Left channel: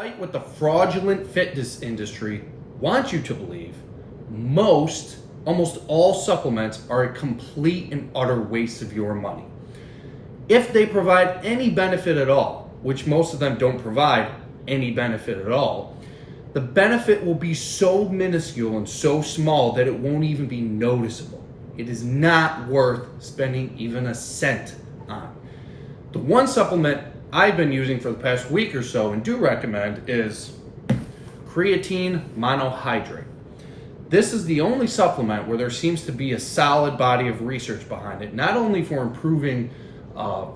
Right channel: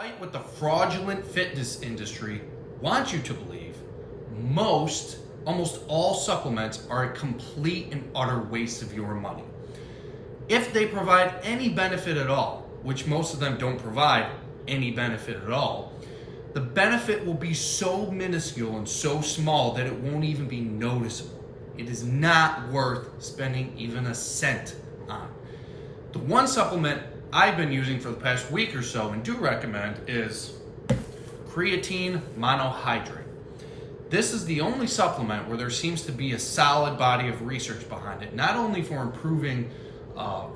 Despite what the fraudulent fitness industry wants you to believe, almost all supplements are a complete and utter waste of your money. If they provide any benefit at all, which most of them don't provide any benefit at all, the benefit will be so minuscule and so small that it won't even be noticeable. It is not worth spending even a cent on. The one supplement I've been using for the past week or so and do recommend is Creatine Monohydrate. This is the only supplement where there seems to be a solid body of research behind it, not only for improving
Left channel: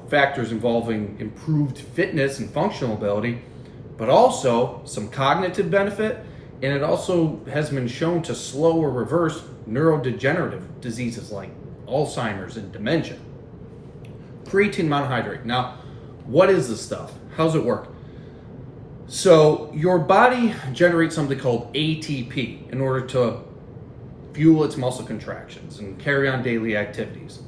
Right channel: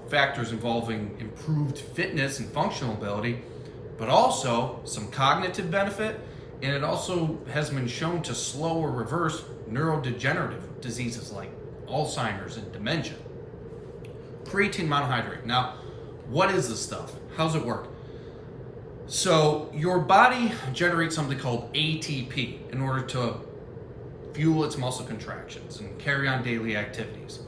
factors involving improved fitness and functional ability, but also some cognitive benefit, and it also has been shown to slow or reverse neurodegenerative diseases like Alzheimer's and dementia. Creatine monohydrate. Now, what is this stuff? How's it work? So your body generates something called ATP in order to fuel its muscle contractions and carry on daily activities.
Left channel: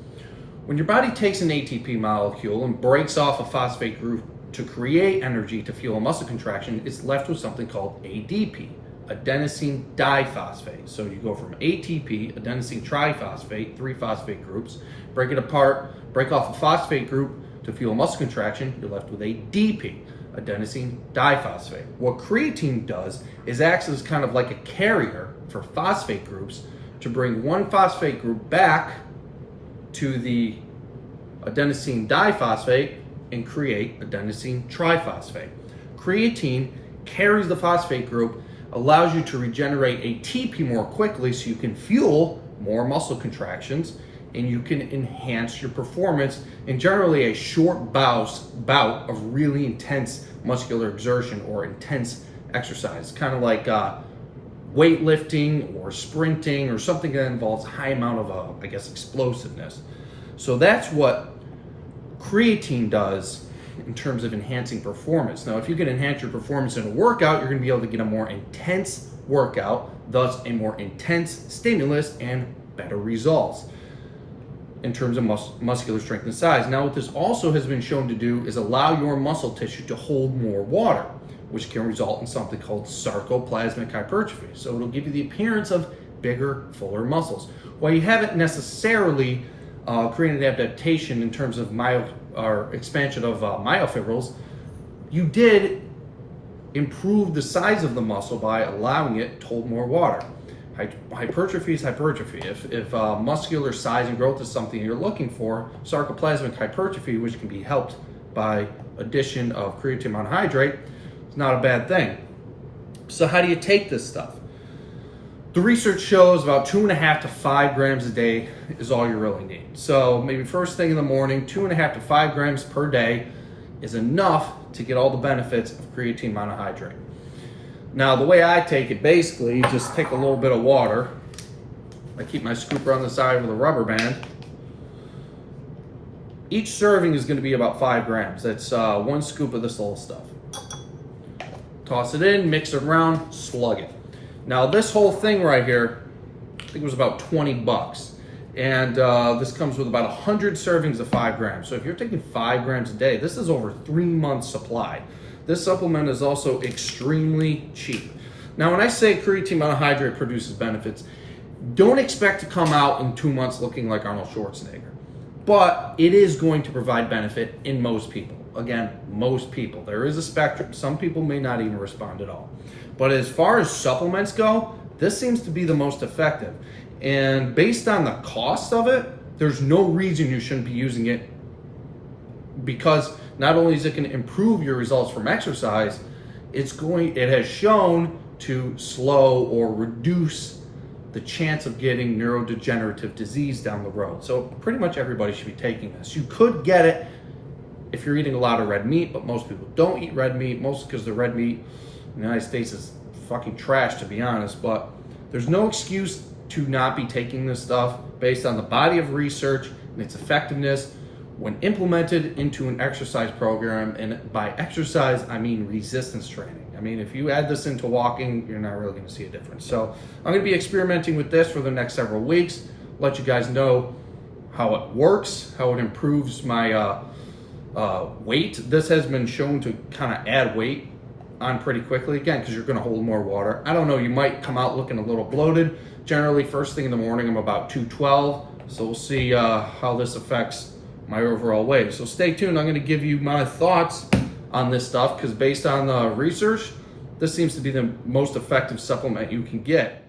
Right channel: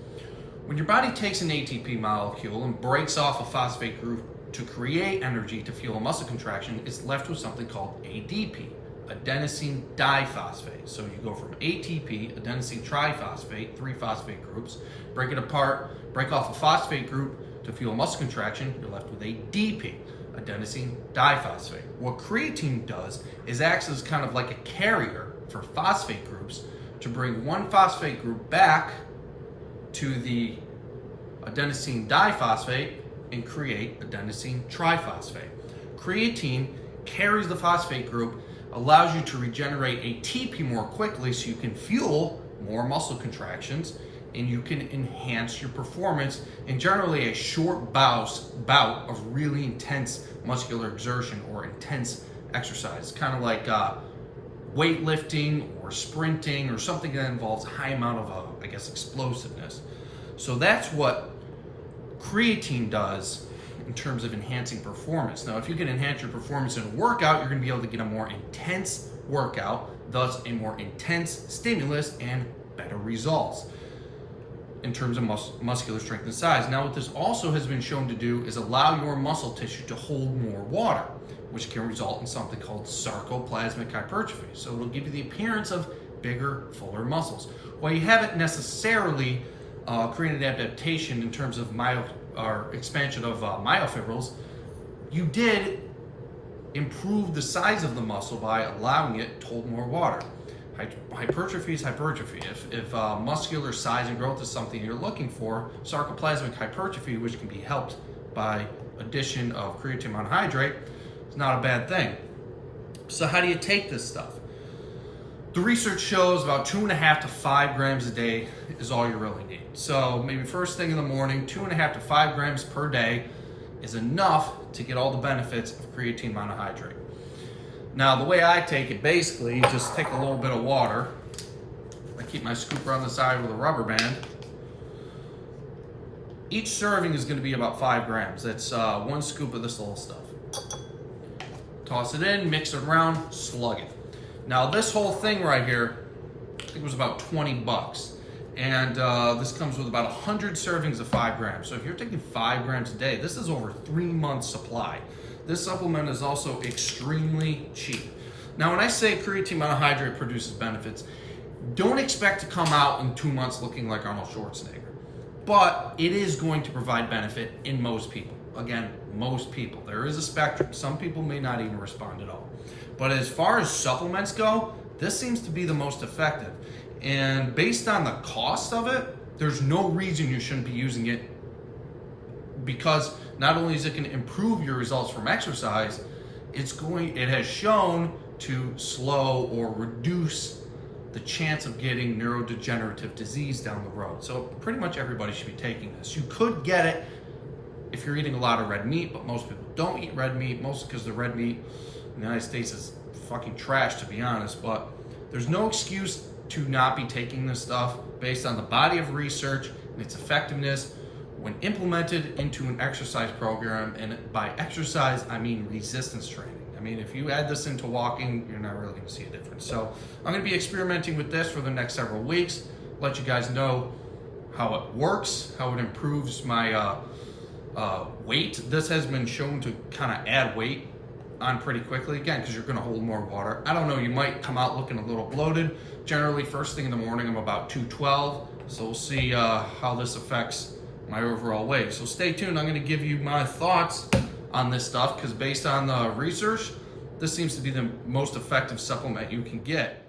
When your body takes an ATP molecule and breaks off a phosphate group to create energy to fuel a muscle contraction, it's left with something called ADP, adenosine diphosphate. So you go from ATP, adenosine triphosphate, 3 phosphate groups, break it apart, break off a phosphate group to fuel muscle contraction, you're left with ADP, adenosine diphosphate. What creatine does is acts as kind of like a carrier for phosphate groups to bring one phosphate group back to the adenosine diphosphate and create adenosine triphosphate. Creatine carries the phosphate group, allows you to regenerate ATP more quickly so you can fuel more muscle contractions and you can enhance your performance in generally a short bout of really intense muscular exertion or intense exercise, kind of like weightlifting or sprinting or something that involves a high amount of, explosiveness. So that's what creatine does in terms of enhancing performance. Now, if you can enhance your performance in a workout, you're going to be able to get a more intense workout, thus a more intense stimulus and better results in terms of muscular strength and size. Now, what this also has been shown to do is allow your muscle tissue to hold more water, which can result in something called sarcoplasmic hypertrophy. So it'll give you the appearance of bigger, fuller muscles. While you haven't necessarily created adaptation in terms of expansion of myofibrils, you did improve the size of the muscle by allowing it to hold more water. Hypertrophy is hypertrophy. If muscular size and growth is something you're looking for, sarcoplasmic hypertrophy, which can be helped by addition of creatine monohydrate, is not a bad thing. So how do you take this stuff? The research shows about 2.5 to 5 grams a day is all you really need. So maybe first thing in the morning, 2.5 to 5 grams per day is enough to get all the benefits of creatine monohydrate. Now, the way I take it, basically, just take a little bit of water. I keep my scooper on the side with a rubber band. Each serving is going to be about 5 grams. That's 1 scoop of this little stuff. Toss it in, mix it around, slug it. Now, this whole thing right here, I think it was about 20 bucks. And this comes with about 100 servings of 5 grams. So if you're taking 5 grams a day, this is over 3 months supply. This supplement is also extremely cheap. Now, when I say creatine monohydrate produces benefits, don't expect to come out in 2 months looking like Arnold Schwarzenegger. But it is going to provide benefit in most people. Again, most people. There is a spectrum. Some people may not even respond at all. But as far as supplements go, this seems to be the most effective. And based on the cost of it, there's no reason you shouldn't be using it, because not only is it going to improve your results from exercise, it has shown to slow or reduce the chance of getting neurodegenerative disease down the road. So pretty much everybody should be taking this. You could get it if you're eating a lot of red meat, but most people don't eat red meat, mostly because the red meat in the United States is fucking trash, to be honest. But there's no excuse to not be taking this stuff based on the body of research and its effectiveness when implemented into an exercise program. And by exercise, I mean resistance training. I mean, if you add this into walking, you're not really going to see a difference. So I'm going to be experimenting with this for the next several weeks, let you guys know how it works, how it improves my weight. This has been shown to kind of add weight on pretty quickly, again, because you're going to hold more water. I don't know, you might come out looking a little bloated. Generally, first thing in the morning, I'm about 212. So we'll see how this affects my overall weight. So stay tuned. I'm going to give you my thoughts on this stuff, because based on the research, this seems to be the most effective supplement you can get